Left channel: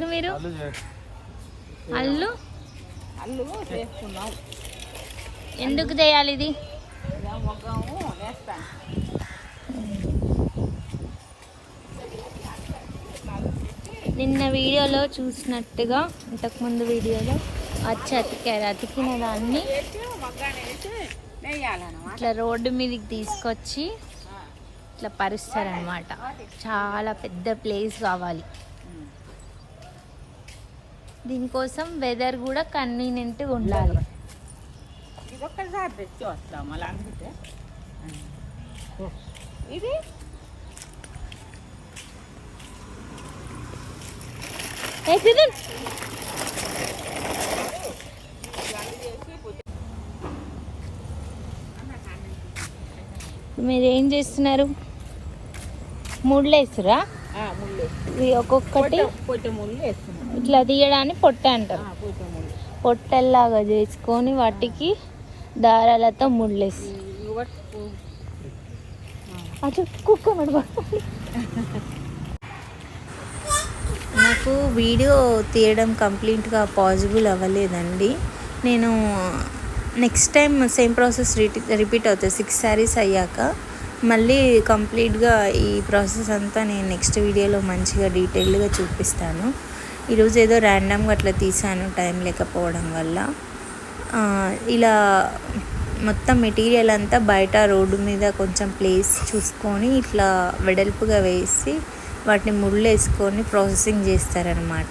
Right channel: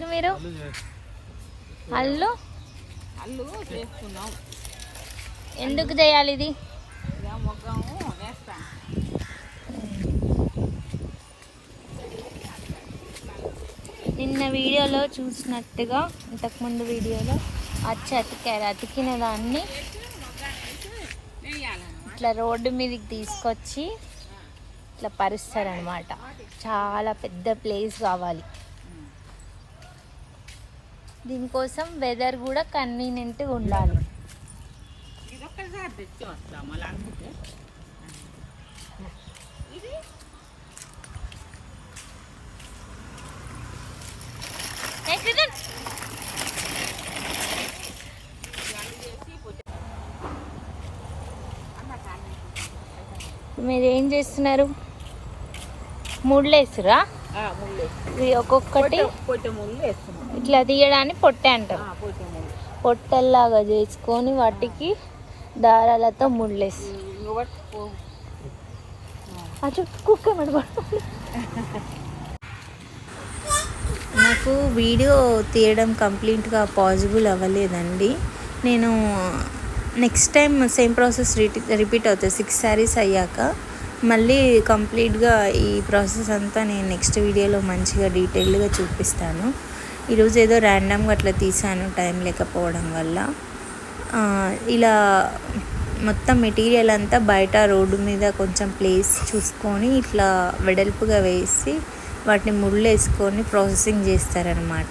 చేస్తారు మీరు? అల్లు అల్లు చేస్తున్నాం. ఎందుకు చేయాలి ఇది? మొగ్గము వేస్తాను. నిన్న వీడియోలో చూసినట్టుగా ఇంతకుముందు వీడియోలో అతికారు. అతికిన దాన్ని ఇట్లా రోడ్డు మీదకి తీసుకొచ్చి ఇట్లా పరుస్తారనమాట. చాలా పెద్ద ప్లేస్ కావాలి. దీనికోసం వెదర్ కూడా కన్వీనియంట్గా ఉండాలి. ఇది ఒక్కసారి తెచ్చి వస్తాం. అలా ఇది మీరు ఏం చేస్తున్నారు? ముళ్ళు వేస్తురా? ఒక్కొక్కటి ఇట్లా తీయడానికి పొట్టె అంటారు. పొట్టెల్లాగా చేసుకొని వాటికి దారాలతో ముళ్ళేసి నాకు వీడియో తీయడం కంప్లీట్గా పాసిబుల్ అవ్వలేదండి. నేను next time same process repeat అవుతుంది. 6 శారీస్ అయ్యాక మళ్ళీ కంప్లీట్గా ఈ ప్రాసెస్ అంతా నేను నెక్స్ట్ వీడియోలో మంచిగా డీటెయిల్డ్గా చూపిస్తాను. ఈరోజు ఏదో ర్యాండమ్గా అట్లా తీసాను టైం లేకపోవడం వల్ల. ఇలా మొత్తం మెటీరియల్ అంతా బయట రోడ్డు మీద కొంచెం ప్లేస్ చూసుకొని ఇట్లా వెడల్పుగా వేసి వాటిని ముళ్ళు వేసుకొని ప్రాసెసింగ్ చేస్తారనమాట.